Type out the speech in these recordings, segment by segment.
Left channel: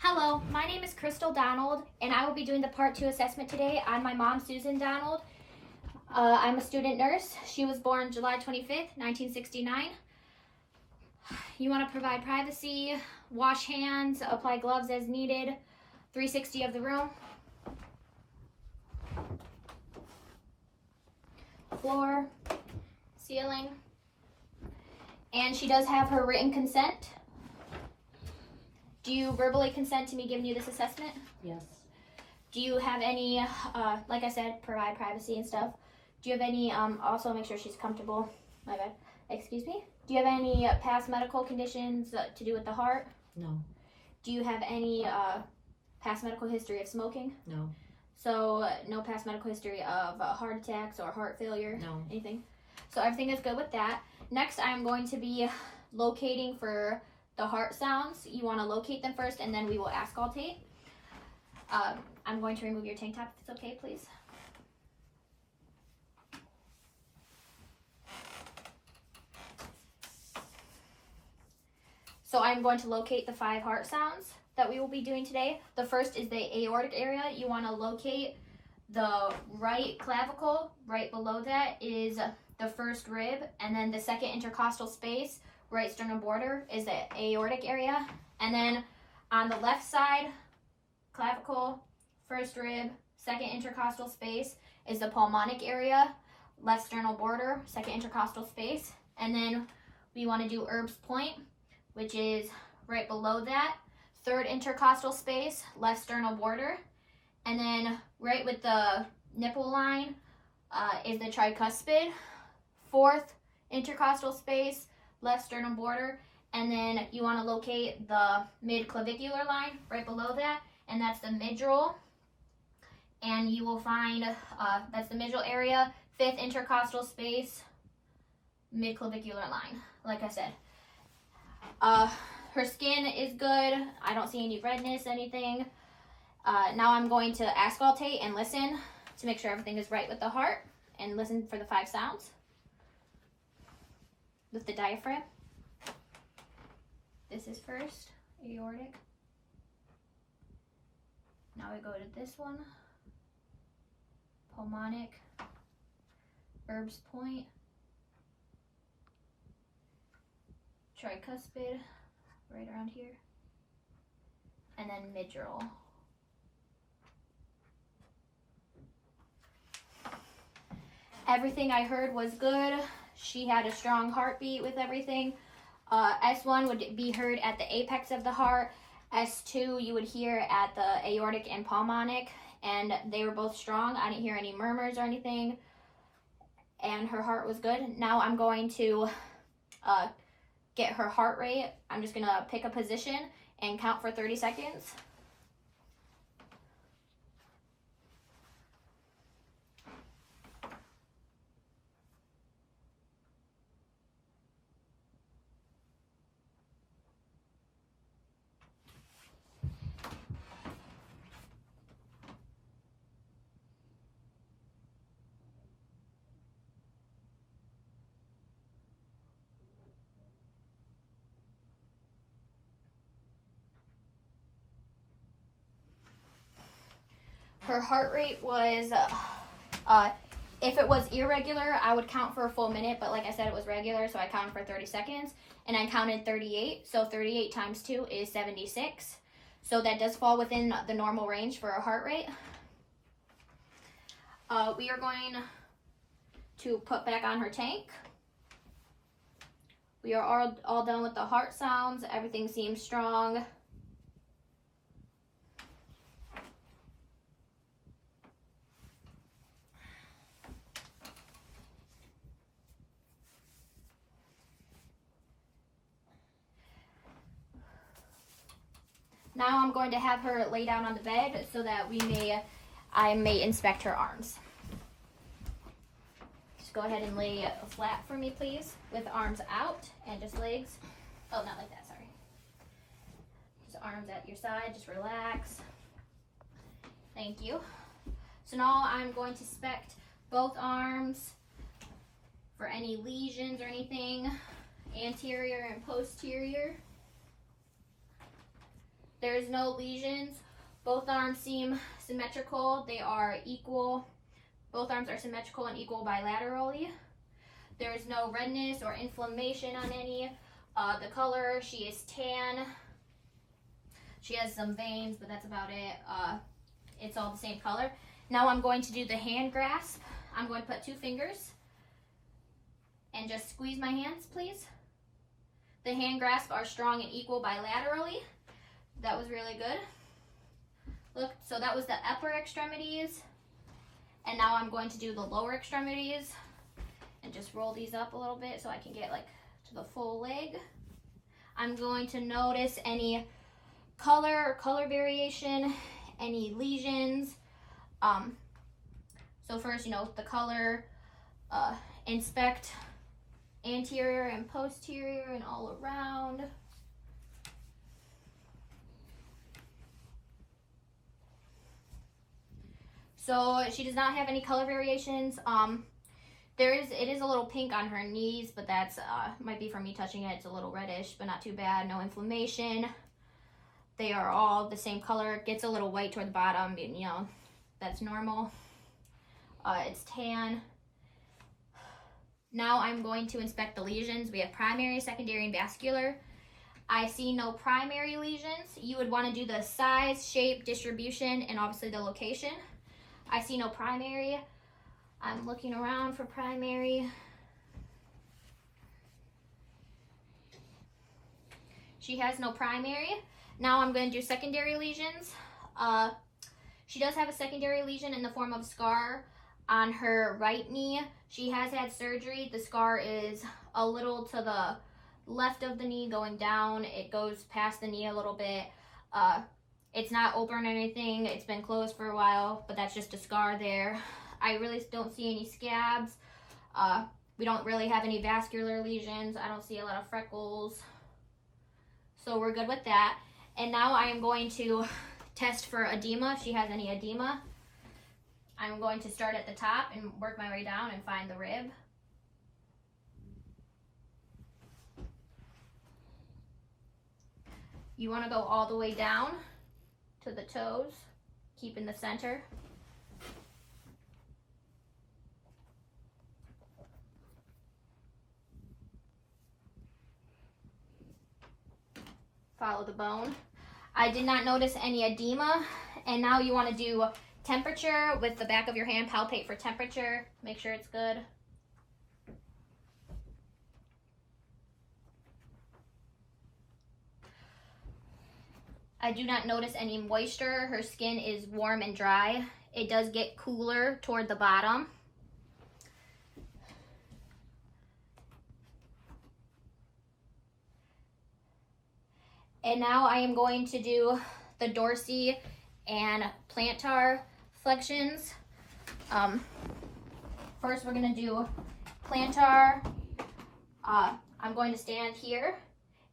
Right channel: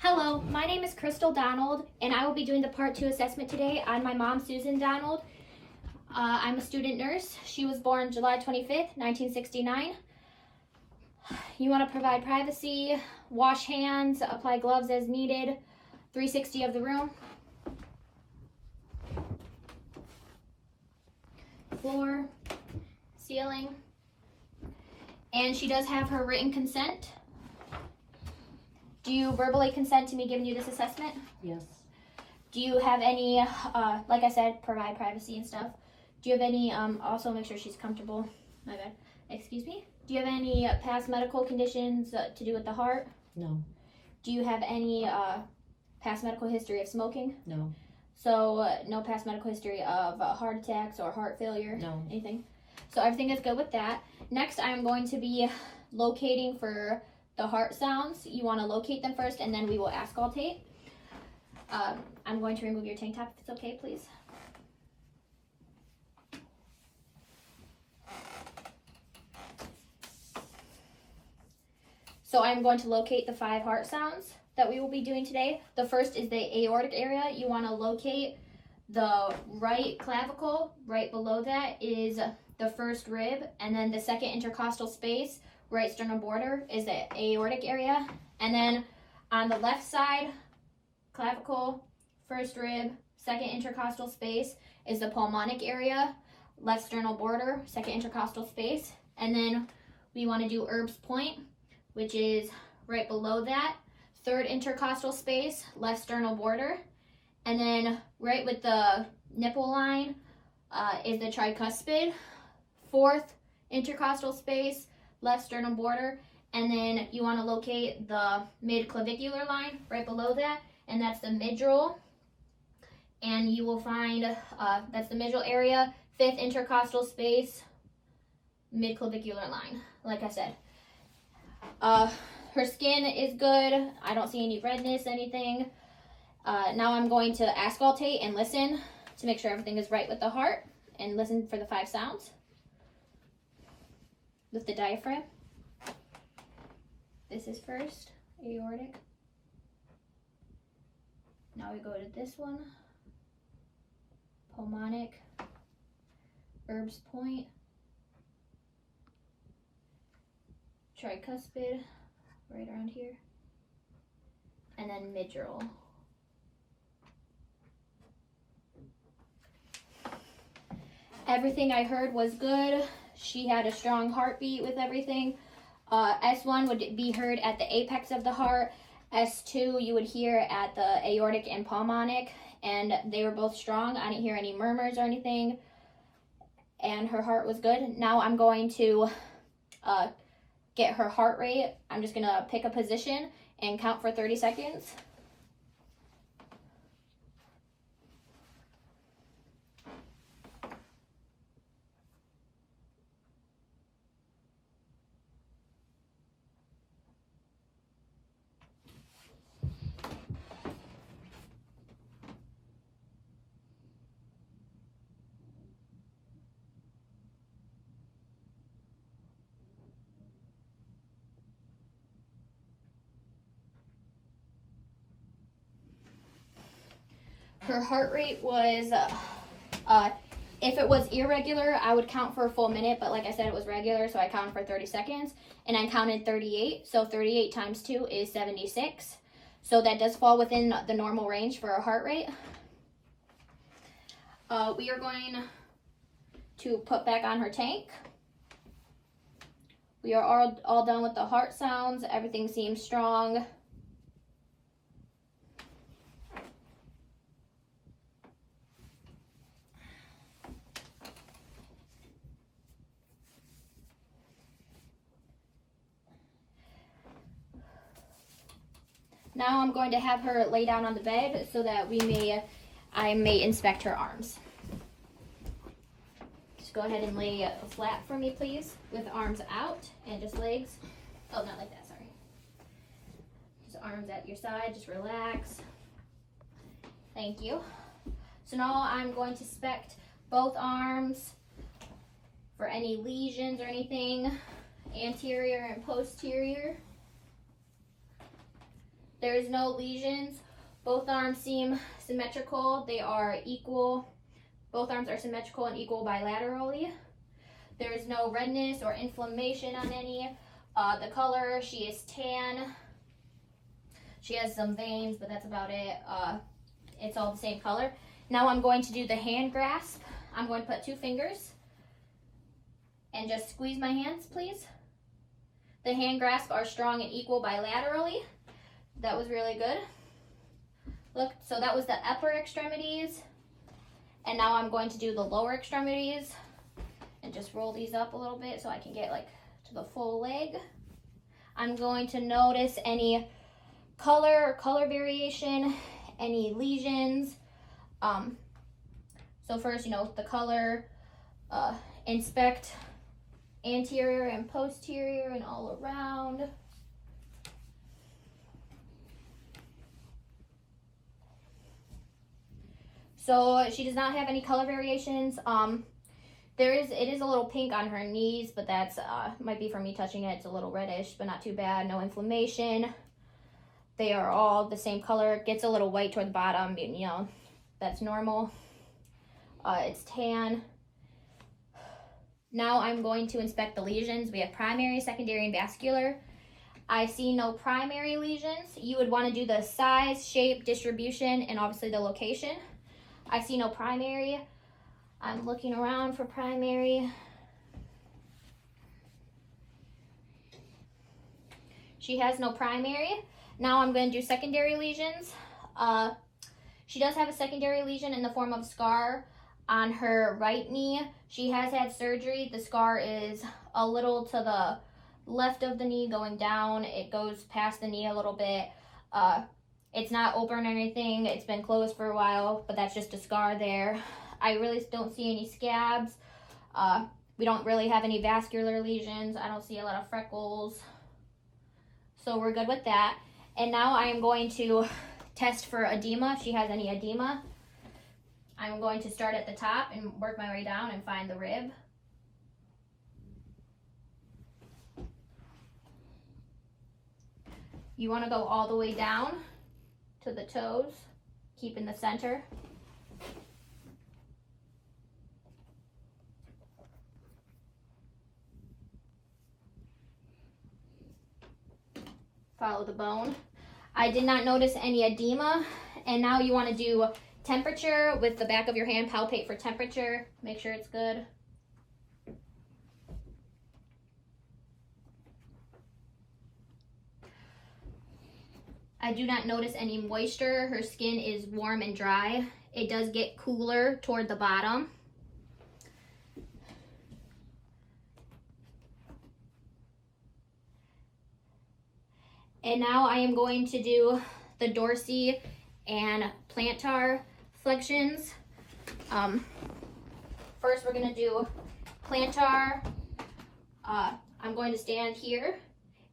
Hello, my name is Crystal Donald, and I will be doing the Part 2 assessment today on my mom, Susan Donald. I'm a student nurse. She was born July 25th, 1969. You want to provide privacy, wash hands, apply gloves as needed, 360 of the room, floor, ceiling, and she does have her written consent. Do you verbally consent to me giving you this assessment? Yes. Do you have any, like I said, provide privacy and stuff? Do you have any, also make sure she's comfortable, my bad, excuse me? Do you have any past medical conditions to do with the heart? No. Do you have any past medical history of smoking? No. So no past medical history of heart attacks or heart failure? No. Anything? So everything is good with that. Next, I'm going to be locating for the heart sounds. You want to locate them first, and then we will auscultate. I'm going to remove your tank top if it's okay, please. So I'm going to locate the 5 heart sounds that we will be doing today. The first is the aortic area. You want to locate the right clavicle. Right below that is the first rib, and then the second intercostal space, right sternum border, is the aortic area. And then on the left side, clavicle, first rib, second intercostal space is the pulmonic area, left sternal border, second intercostal space. And then we want to do Erb's point, which is right below that, third intercostal space, left sternal border. And then right with the nipple line is the tricuspid, fourth intercostal space, left sternum border. And then you want to locate the mid-clavicular line right below that, and that's the midral. And you will find, that's the midral area, fifth intercostal space, mid-clavicular line, like I said. Her skin is good. I don't see any redness, anything. Now I'm going to auscultate and listen to make sure everything is right with the heart, and listen for the 5 sounds with the diaphragm. This is first, aortic. Now we go to this one, pulmonic, Erb's point, tricuspid, right around here, and then midral. Everything I heard was good. She had a strong heartbeat with everything. S1 would be heard at the apex of the heart. S2 you would hear at the aortic and pulmonic, and they were both strong. I didn't hear any murmurs or anything, and her heart was good. Now I'm going to get her heart rate. I'm just gonna pick a position and count for 30 seconds. Her heart rate was, if it was irregular, I would count for a full minute, but like I said, it was regular, so I counted for 30 seconds, and I counted 38, so 38 times 2 is 76. So that does fall within the normal range for a heart rate. We are going to put back on her tank. We are all done with the heart sounds. Everything seems strong. Now I'm going to have her lay down on the bed so that I may inspect her arms. Just go ahead and lay flat for me, please, with arms out and just legs. Oh, not like that, sorry. Just arms at your side, just relax. Thank you. So now I'm going to inspect both arms for any lesions or anything, anterior and posterior. There is no lesions. Both arms seem symmetrical. They are equal. Both arms are symmetrical and equal bilaterally. There is no redness or inflammation on any. The color, she is tan. She has some veins, but that's about it. It's all the same color. Now I'm going to do the hand grasp. I'm going to put 2 fingers and just squeeze my hands, please. The hand grasp are strong and equal bilaterally. That was really good. Look, so that was the upper extremities. And now I'm going to do the lower extremities and just roll these up a little bit so I can get like to the full leg. I'm going to notice any color or color variation, any lesions. So first, the color, inspect anterior and posterior and all around. So she does not have any color variations. It is a little pink on her knees, but that's might be from me touching it. It's a little reddish, but not too bad. No inflammation. They are all the same color. It gets a little white toward the bottom, that's normal. It's tan. Now I'm going to inspect the lesions. We have primary, secondary, and vascular. I see no primary lesions. You would want to do the size, shape, distribution, and obviously the location. I see no primary. I'm looking around for primary. She has no primary. Now I'm going to do secondary lesions. She does have a secondary lesion in the form of scar on her right knee. She has had surgery. The scar is a little to the left of the knee going down. It goes past the knee a little bit. It's not open or anything. It's been closed for a while, but that's just a scar there. I really don't see any scabs. We don't really have any vascular lesions. I don't see a lot of freckles. So we're good with that. And now I am going to test for edema, if she has any edema. I'm going to start at the top and work my way down and find the rib. You want to go all the way down to the toes, keep in the center. Follow the bone. I did not notice any edema. And now you want to do temperature with the back of your hand. Palpate for temperature. Make sure it's good. I do not notice any moisture. Her skin is warm and dry. It does get cooler toward the bottom. And now I am going to do the dorsi and plantar flexions. First we're going to do plantar. I'm going to stand here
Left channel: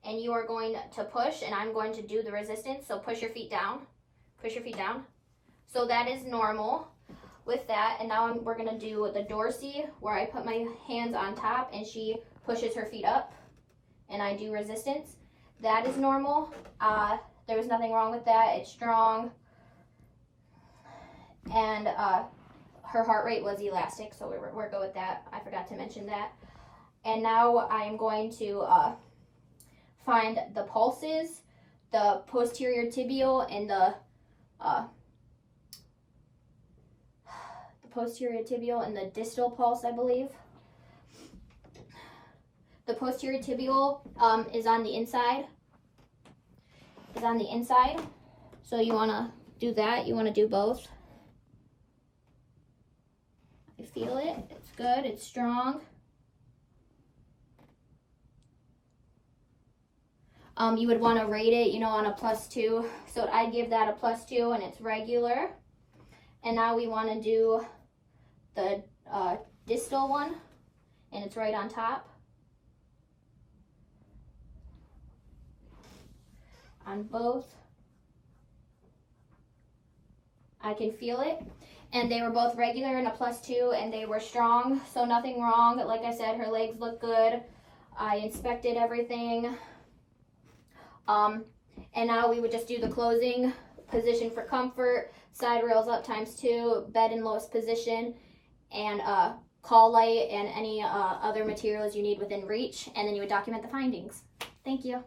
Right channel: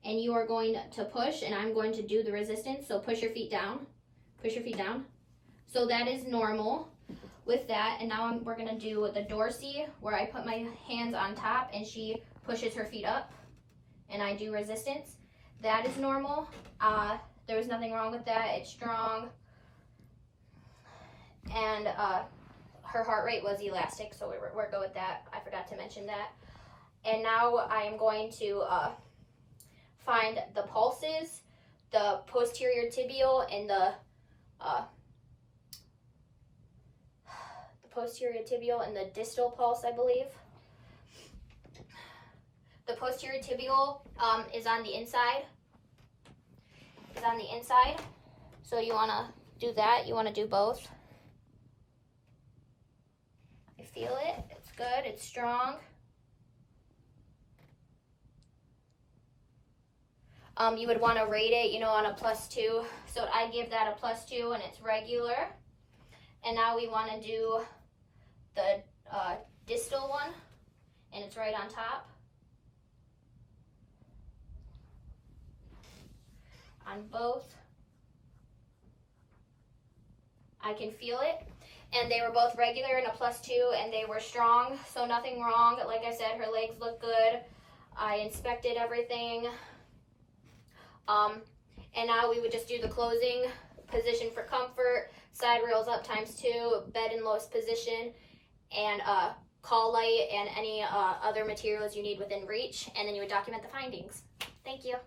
and you are going to push and I'm going to do the resistance. So push your feet down. Push your feet down. So that is normal with that. And now we're going to do the dorsi where I put my hands on top and she pushes her feet up and I do resistance. That is normal. There was nothing wrong with that. It's strong. And her heart rate was elastic, so we're good with that. I forgot to mention that. And now I'm going to find the pulses, the posterior tibial and the posterior tibial and the distal pulse, I believe. The posterior tibial is on the inside. So you want to do that. You want to do both. I feel it. It's good. It's strong. You would want to rate it, on a +2. So I give that a +2 and it's regular. And now we want to do the distal one and it's right on top. On both. I can feel it. And they were both regular and a +2 and they were strong. So nothing wrong. Like I said, her legs look good. I inspected everything. And now we would just do the closing. Position for comfort, side rails up ×2, bed in lowest position, and call light and any other materials you need within reach, and then you would document the findings. Thank you.